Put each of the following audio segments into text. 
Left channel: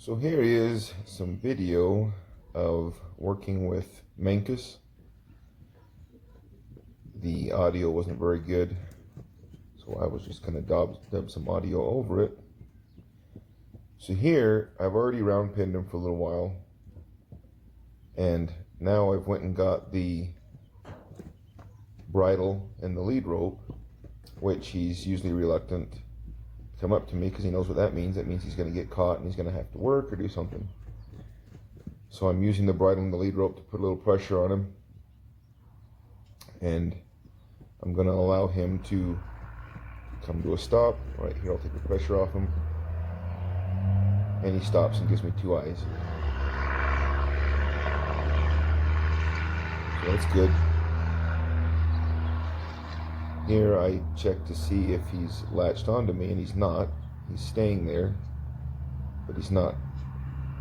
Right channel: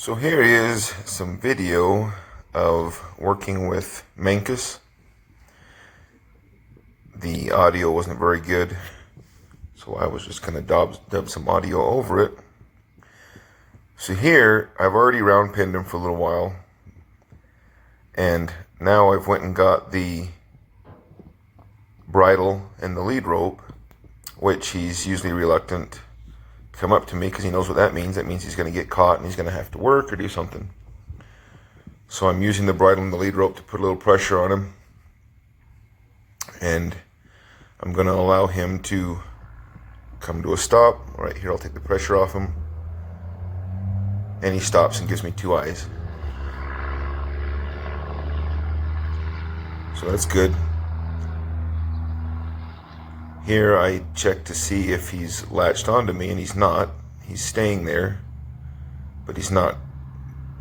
So here is some video of working with Mancos. The audio wasn't very good, so I was just gonna dub some audio over it. So here, I've already round pinned him for a little while, and now I've went and got the bridle and the lead rope, which he's usually reluctant to come up to me because he knows what that means. That means he's going to get caught and he's going to have to work or do something. So I'm using the bridle and the lead rope to put a little pressure on him, and I'm going to allow him to come to a stop. Right here, I'll take the pressure off him, and he stops and gives me two eyes. So that's good. Here I check to see if he's latched onto me, and he's not. He's staying there, but he's not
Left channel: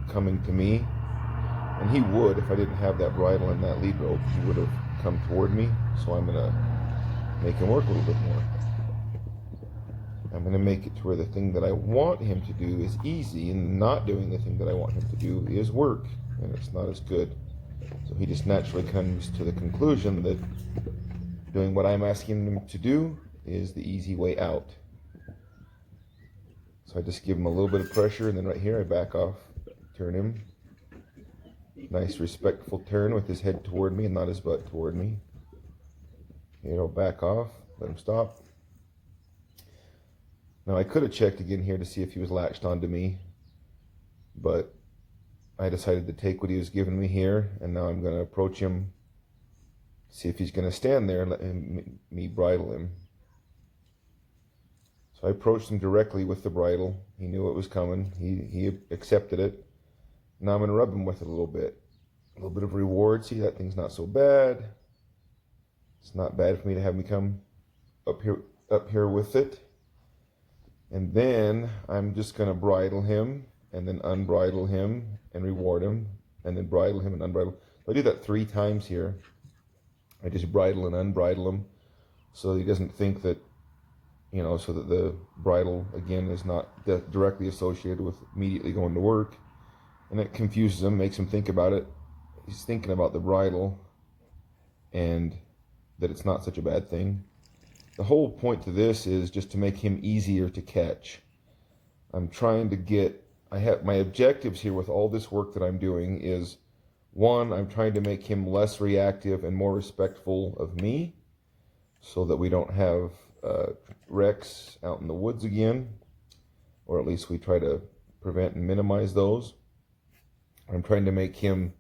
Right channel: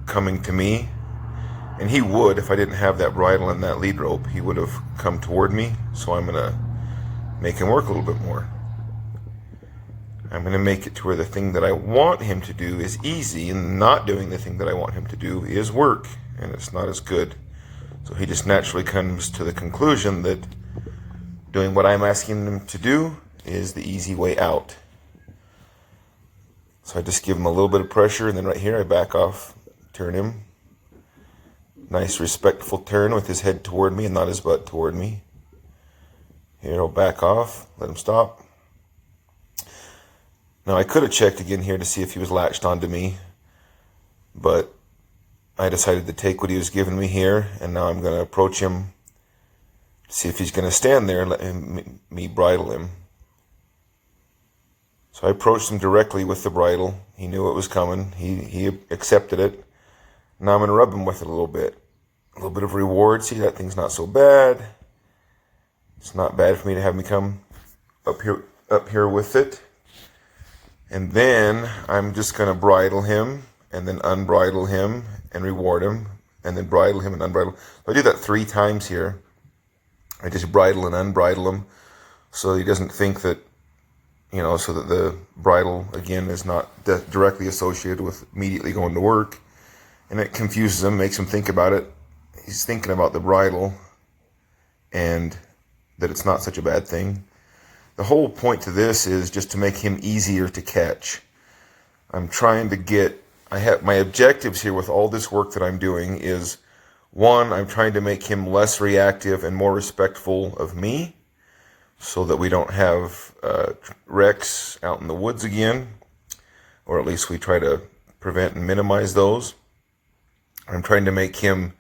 coming to me. And he would, if I didn't have that bridle and that lead rope, he would have come toward me. So I'm gonna make him work a little bit more. I'm gonna make it to where the thing that I want him to do is easy, and not doing the thing that I want him to do is work, and it's not as good. So he just naturally comes to the conclusion that doing what I'm asking him to do is the easy way out. So I just give him a little bit of pressure, and then right here I back off, turn him. Nice respectful turn with his head toward me and not his butt toward me. Here I'll back off, let him stop. Now I could have checked again here to see if he was latched onto me, but I decided to take what he was giving me here, and now I'm going to approach him, see if he's going to stand there and let me bridle him. So I approached him directly with the bridle. He knew it was coming. He accepted it. Now I'm going to rub him with it a little bit. A little bit of reward. See, that thing's not so bad. It's not bad for me to have me come up here with it. And then I'm just going to bridle him, and then unbridle him and reward him, and then bridle him and unbridle. So I do that 3 times here. I just bridle and unbridle him so he doesn't think that, so that the bridle, again, is not directly associated with immediately going to work. And it confuses him, makes him think about it. He's thinking about the bridle and that it's not such a bad thing. The whole point to this is just to make him easier to catch. I'm trying to get, my objectives here with all this work that I'm doing is, 1, I'm trying to make him less reactive and more respectful of me so that we don't have wrecks out in the woods again, or at least we try to prevent and minimize those. I'm trying to make him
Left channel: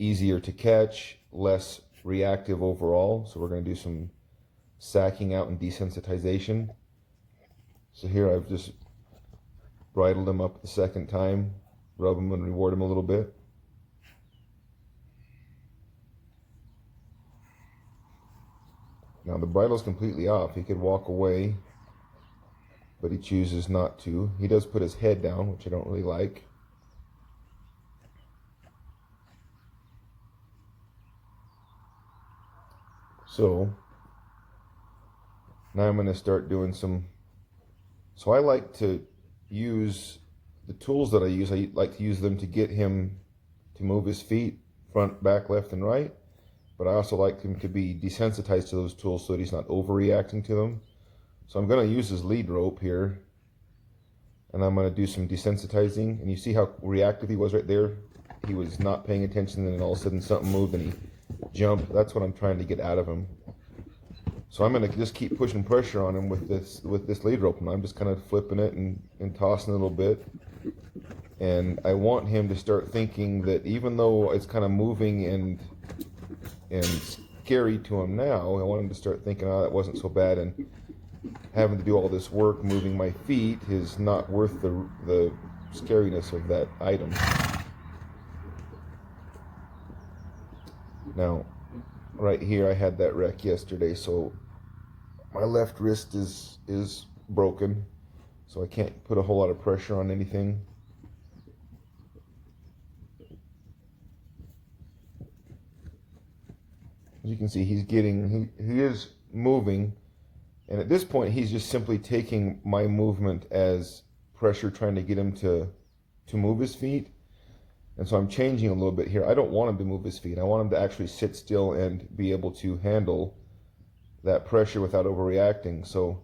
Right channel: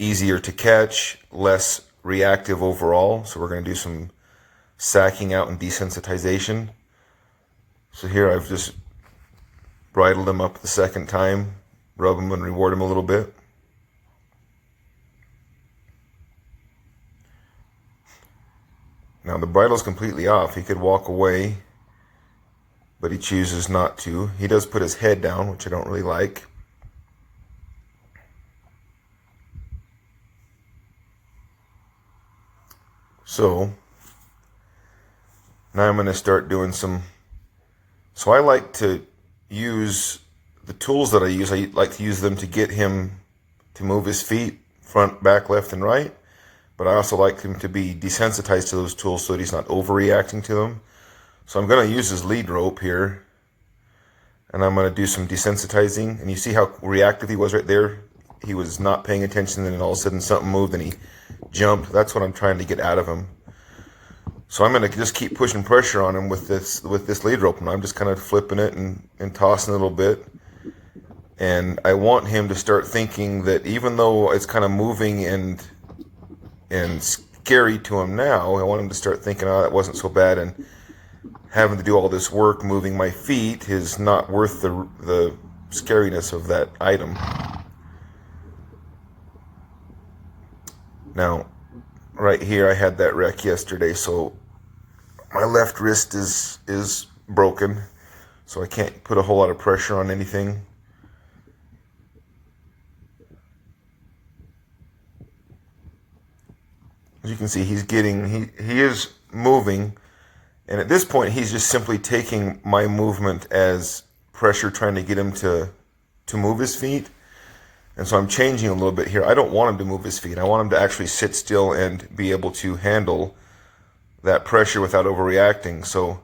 easier to catch, less reactive overall. So we're going to do some sacking out and desensitization. So here I've just bridled him up the second time, rub him and reward him a little bit. Now the bridle's completely off. He could walk away, but he chooses not to. He does put his head down, which I don't really like. So now I'm going to start doing some. So I like to use the tools that I use. I like to use them to get him to move his feet front, back, left, and right. But I also like him to be desensitized to those tools so that he's not overreacting to them. So I'm going to use his lead rope here, and I'm going to do some desensitizing. And you see how reactive he was right there? He was not paying attention, and then all of a sudden something moved and he jumped. That's what I'm trying to get out of him. So I'm going to just keep pushing pressure on him with this lead rope, and I'm just kind of flipping it and tossing it a little bit. And I want him to start thinking that even though it's kind of moving and scary to him now, I want him to start thinking, oh, that wasn't so bad, and having to do all this work moving my feet is not worth the scariness of that item. Now, right here I had that wreck yesterday, so my left wrist is broken, so I can't put a whole lot of pressure on anything. As you can see, he is moving, and at this point he's just simply taking my movement as pressure trying to get him to move his feet. And so I'm changing a little bit here. I don't want him to move his feet. I want him to actually sit still and be able to handle that pressure without overreacting. So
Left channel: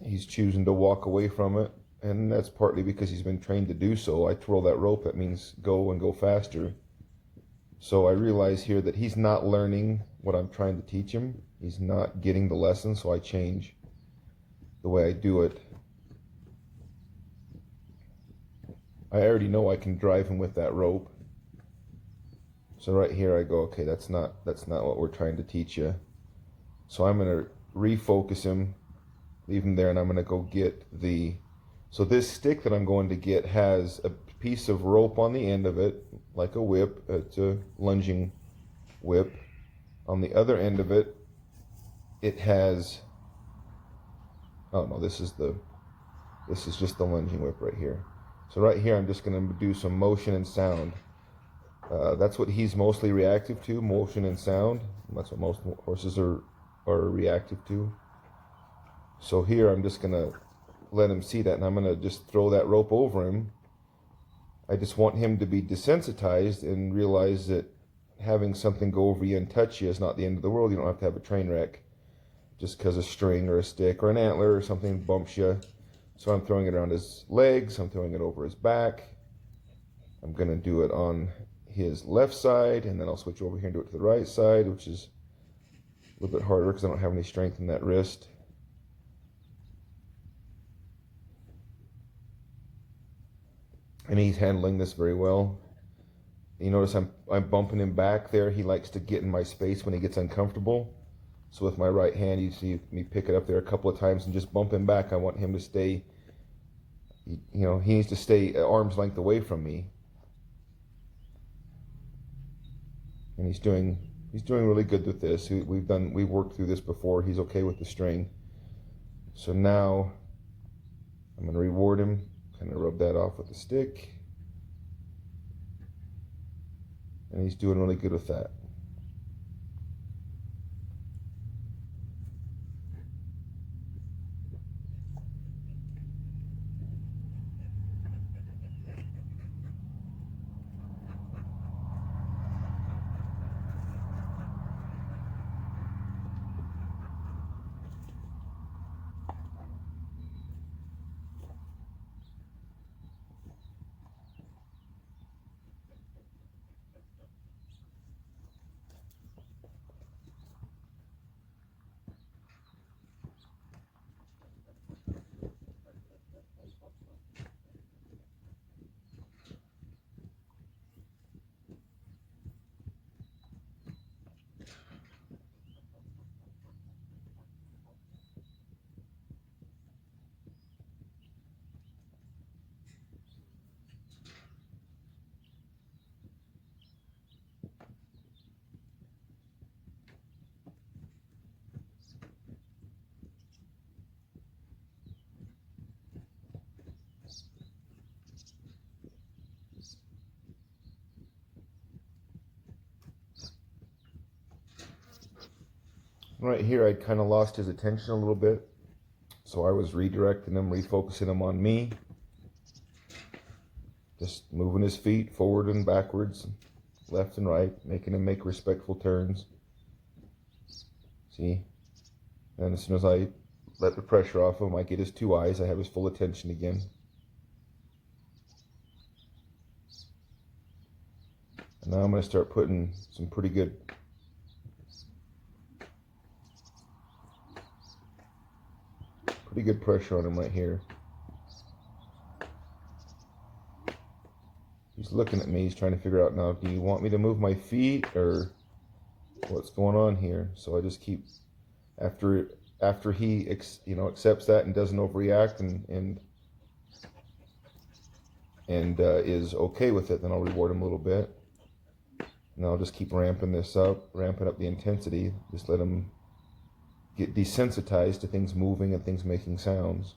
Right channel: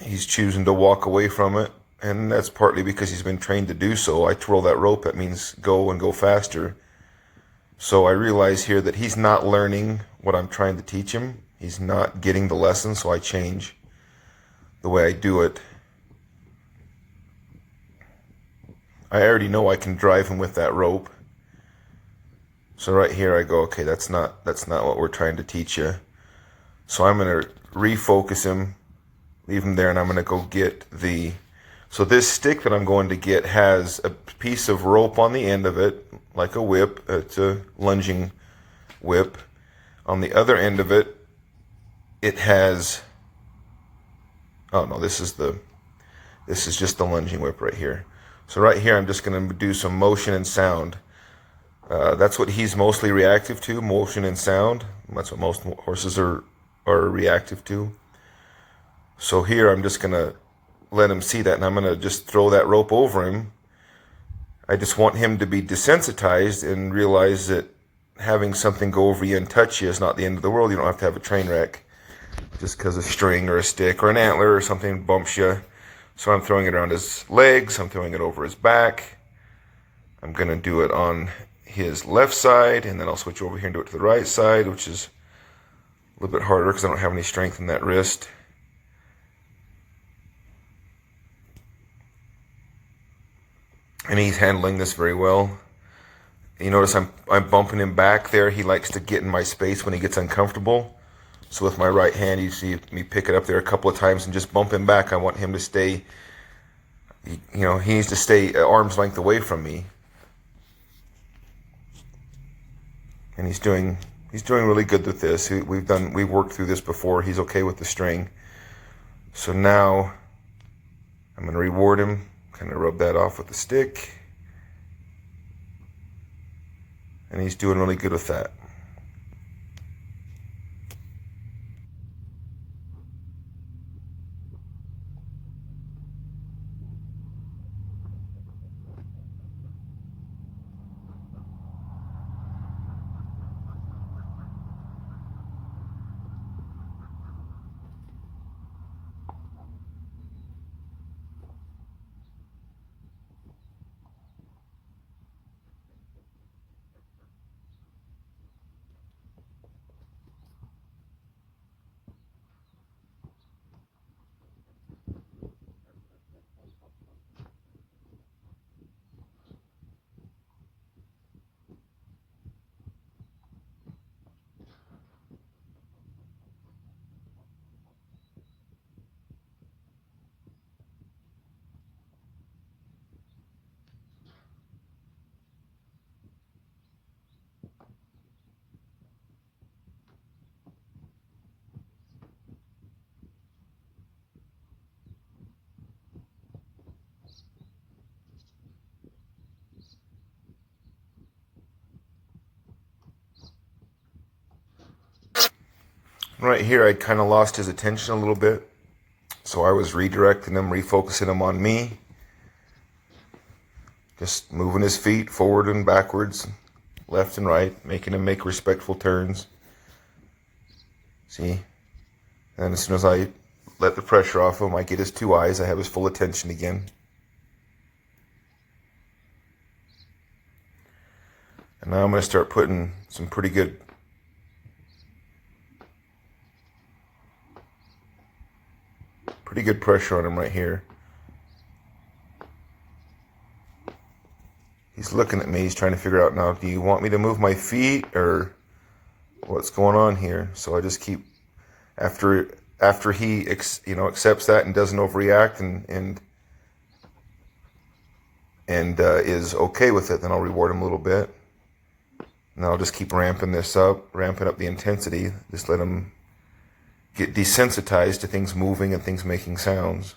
he's choosing to walk away from it, and that's partly because he's been trained to do so. I twirl that rope, that means go and go faster. So I realize here that he's not learning what I'm trying to teach him. He's not getting the lesson, so I change the way I do it. I already know I can drive him with that rope. So right here I go, okay, that's not what we're trying to teach you. So I'm going to refocus him, leave him there, and I'm going to go get so this stick that I'm going to get has a piece of rope on the end of it, like a whip. It's a lunging whip. On the other end of it, it has, oh no, this is just the lunging whip right here. So right here, I'm just going to do some motion and sound. That's what he's mostly reactive to, motion and sound. That's what most horses are reactive to. So here, I'm just going to let him see that, and I'm going to just throw that rope over him. I just want him to be desensitized and realize that having something go over you and touch you is not the end of the world. You don't have to have a train wreck just because a string or a stick or an antler or something bumps you. So I'm throwing it around his legs. I'm throwing it over his back. I'm going to do it on his left side, and then I'll switch over here and do it to the right side, which is a little bit harder because I don't have any strength in that wrist. And he's handling this very well. You notice I'm bumping him back there. He likes to get in my space when he gets uncomfortable. So with my right hand, you see me pick it up there a couple of times and just bump him back. I want him to stay, he needs to stay arm's length away from me. And he's doing really good with this. We've worked through this before. He's okay with the string. So now I'm going to reward him. Kind of rub that off with the stick. And he's doing really good with that. Right here, I kind of lost his attention a little bit. So I was redirecting him, refocusing him on me. Just moving his feet forward and backwards, left and right, making him make respectful turns. See? And as soon as I let the pressure off him, I get his two eyes. I have his full attention again. And now I'm going to start putting some pretty good pressure on him right here. He's looking at me. He's trying to figure out now, do you want me to move my feet or what's going on here? So I just keep, after he accepts that and doesn't overreact and is okay with it, then I'll reward him a little bit. And I'll just keep ramping up the intensity. Just let him get desensitized to things moving and things making sounds.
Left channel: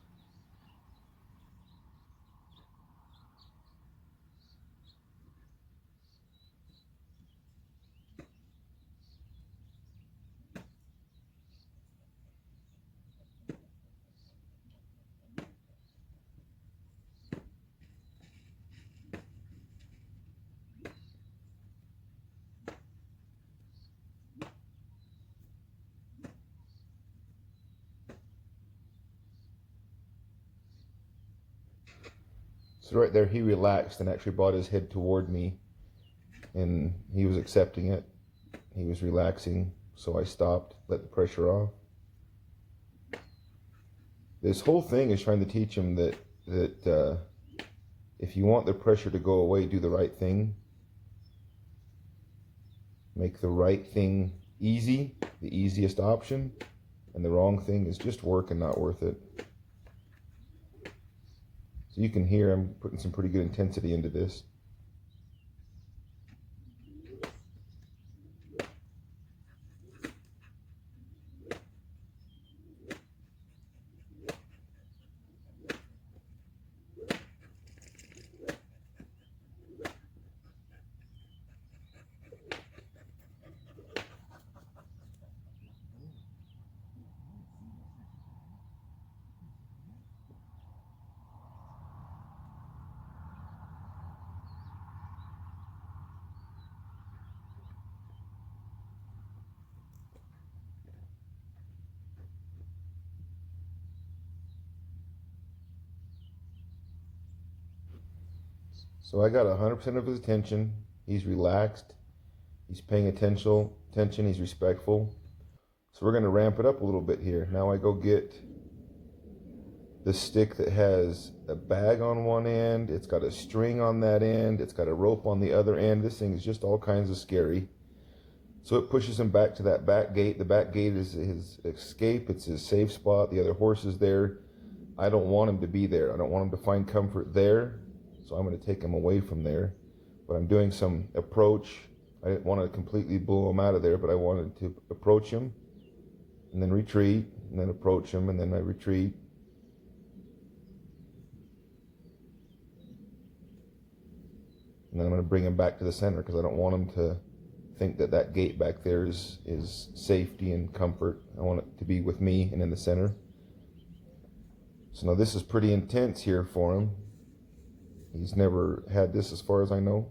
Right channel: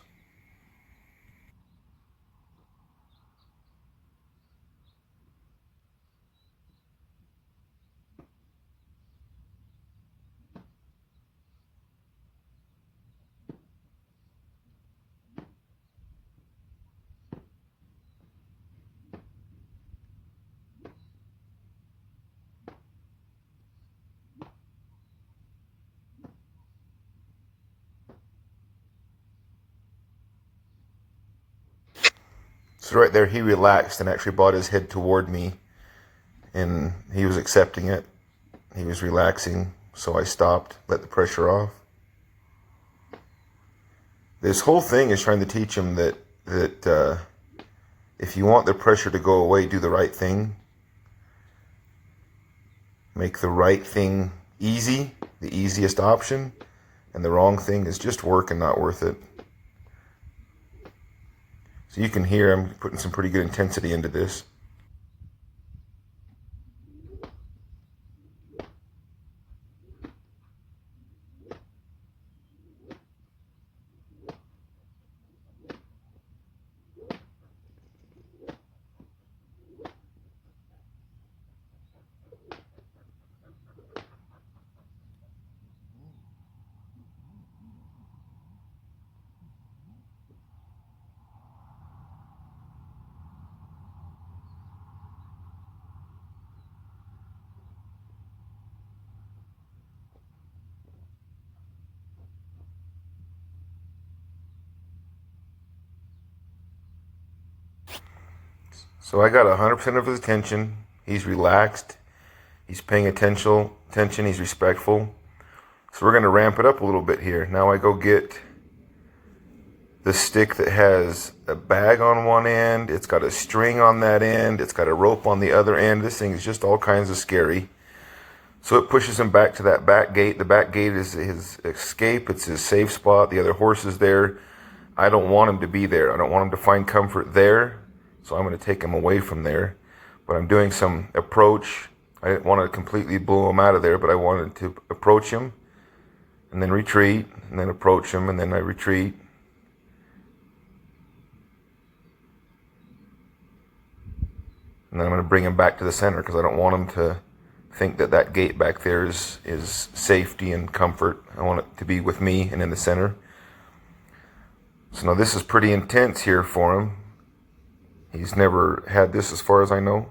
So right there, he relaxed and actually brought his head toward me, and he was accepting it. He was relaxing, so I stopped, let the pressure off. This whole thing is trying to teach him that if you want the pressure to go away, do the right thing. Make the right thing easy, the easiest option, and the wrong thing is just work and not worth it. So you can hear I'm putting some pretty good intensity into this. So I got 100% of his attention. He's relaxed. He's paying attention. He's respectful. So we're going to ramp it up a little bit here. Now I go get the stick that has a bag on one end. It's got a string on that end. It's got a rope on the other end. This thing is just all kinds of scary. So it pushes him back to that back gate. The back gate is his escape. It's his safe spot. The other horse is there. I don't want him to be there. I don't want him to find comfort there. So I'm going to take him away from there. But I'm doing some approach. I didn't want to completely blow him out of there, but I wanted to approach him and then retreat, and then approach him, and then I retreat. And then I'm going to bring him back to the center because I don't want him to think that that gate back there is safety and comfort. I want it to be with me and in the center. So now this is pretty intense here for him. He's never had this as far as I know.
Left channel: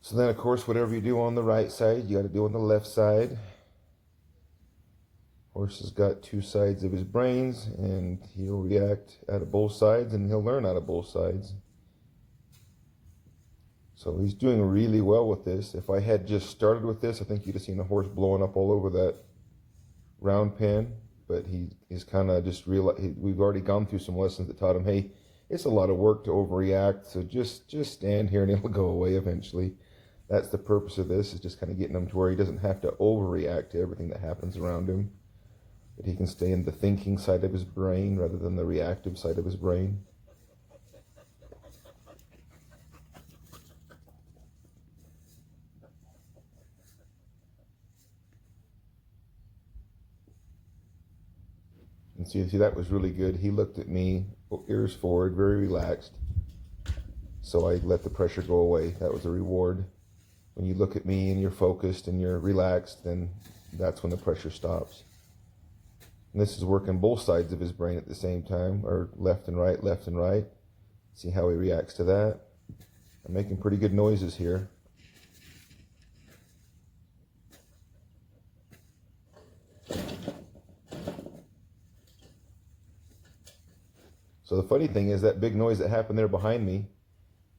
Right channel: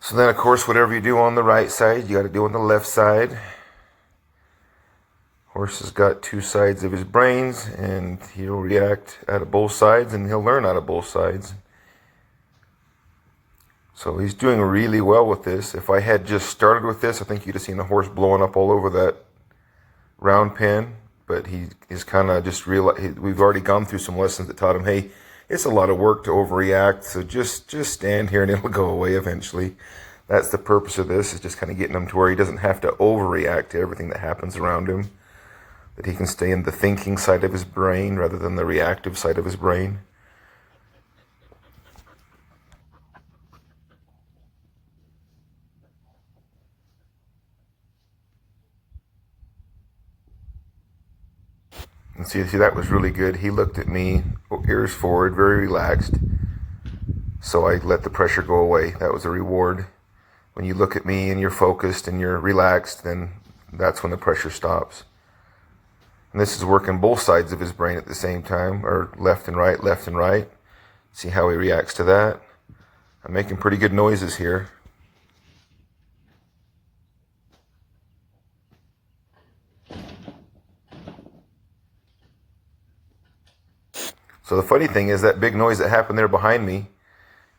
So then, of course, whatever you do on the right side, you got to do on the left side. Horse has got two sides of his brains, and he'll react out of both sides, and he'll learn out of both sides. So he's doing really well with this. If I had just started with this, I think you'd have seen the horse blowing up all over that round pen. But he is kind of just realized, we've already gone through some lessons that taught him, hey, it's a lot of work to overreact, so just stand here and it'll go away eventually. That's the purpose of this, is just kind of getting him to where he doesn't have to overreact to everything that happens around him. That he can stay in the thinking side of his brain rather than the reactive side of his brain. And see, that was really good. He looked at me, ears forward, very relaxed. So I let the pressure go away. That was a reward. When you look at me and you're focused and you're relaxed, then that's when the pressure stops. And this is working both sides of his brain at the same time, or left and right, left and right. See how he reacts to that. I'm making pretty good noises here. So the funny thing is that big noise that happened there behind me,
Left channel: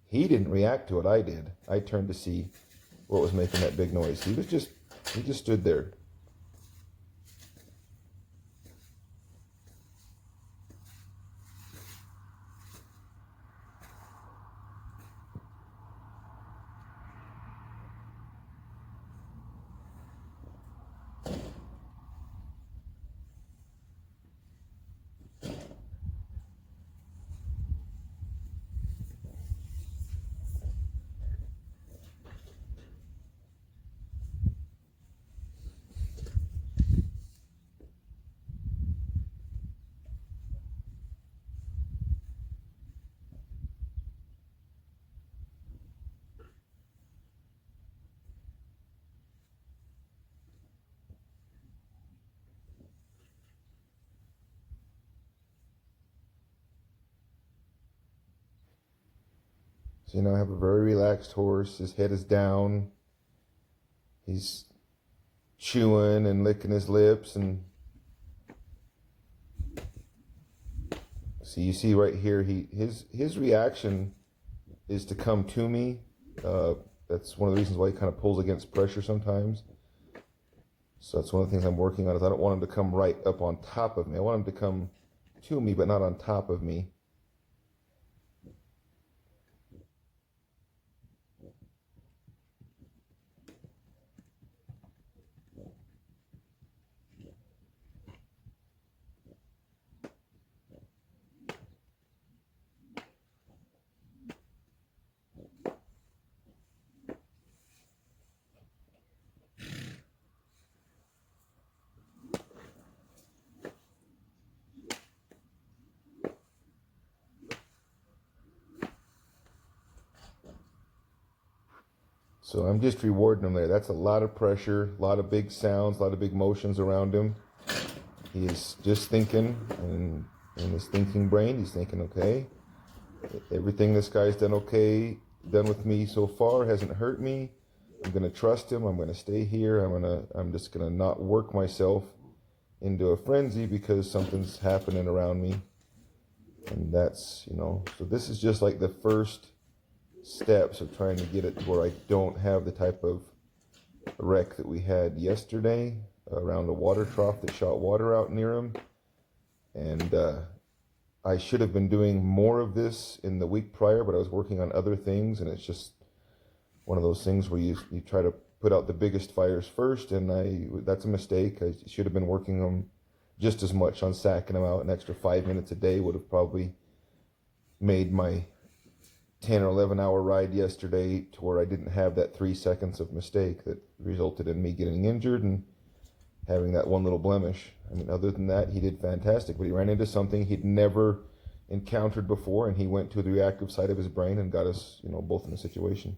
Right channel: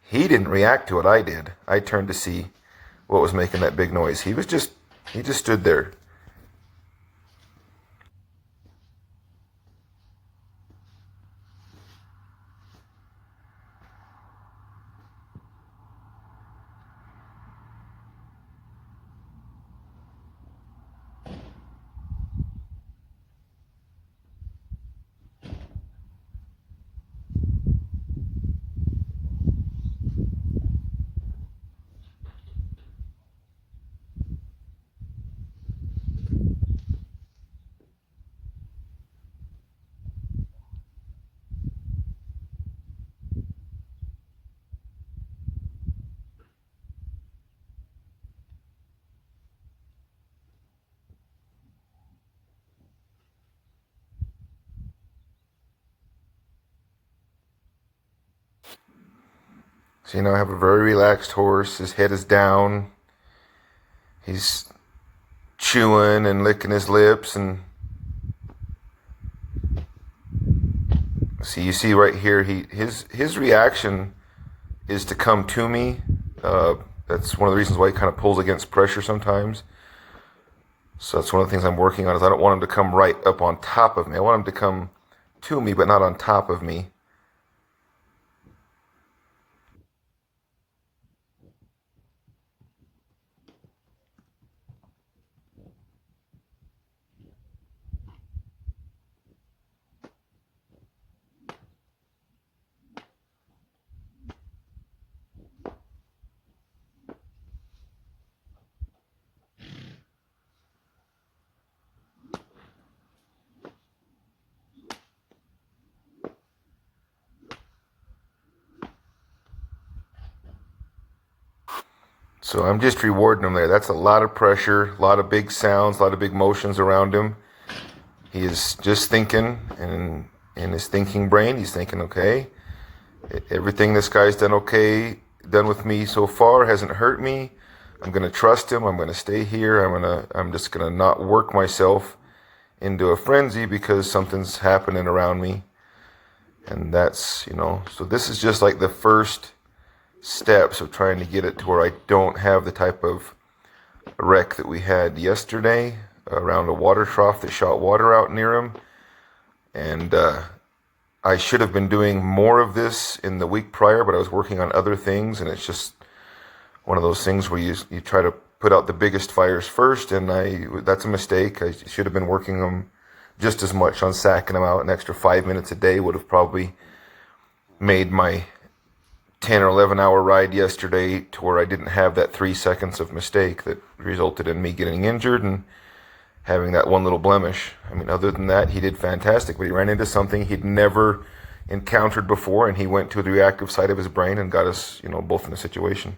he didn't react to it, I did. I turned to see what was making that big noise. He just stood there. So, I have a very relaxed horse. His head is down. He's chewing and licking his lips. And see, you see right here, his reaction is to come to me. That's one of the reasons why he kind of pulls against pressure sometimes. So that's one of the things I'm working on is I don't want him to come right up on top of me. I want him to come to me, but not on top of me. So I'm just rewarding him there. That's a lot of pressure, a lot of big sounds, a lot of big motions around him. He is just thinking, and in his thinking brain, he's thinking, okay, everything this guy's done with me so far hasn't hurt me. I'm gonna trust him. I'm gonna stay here. I'm just gonna not work myself into a frenzy because something's happening around me. And that's, so this is just like the first steps of trying to get it to where I don't have the type of wreck that we had yesterday around a water trough that shot water out near him. And I should have been doing more of this in the week prior, but I was working on other things, and it's just one of those things where you try to put out the biggest fires first, and that's a mistake. I should have been working them just as much on sacking them out. An extra 5 minutes a day would have probably made my 10 or 11 hour ride yesterday to where I didn't have that 3 seconds of mistake that resulted in me getting injured and having that one little blemish. I mean, other than that, he did fantastic, but he ran into something he'd never encountered before, and he went to the reactive side of his brain and got us, both in a situation.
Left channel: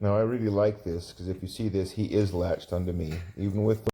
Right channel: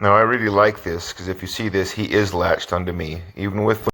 Now, I really like this because if you see this, he is latched onto me, even with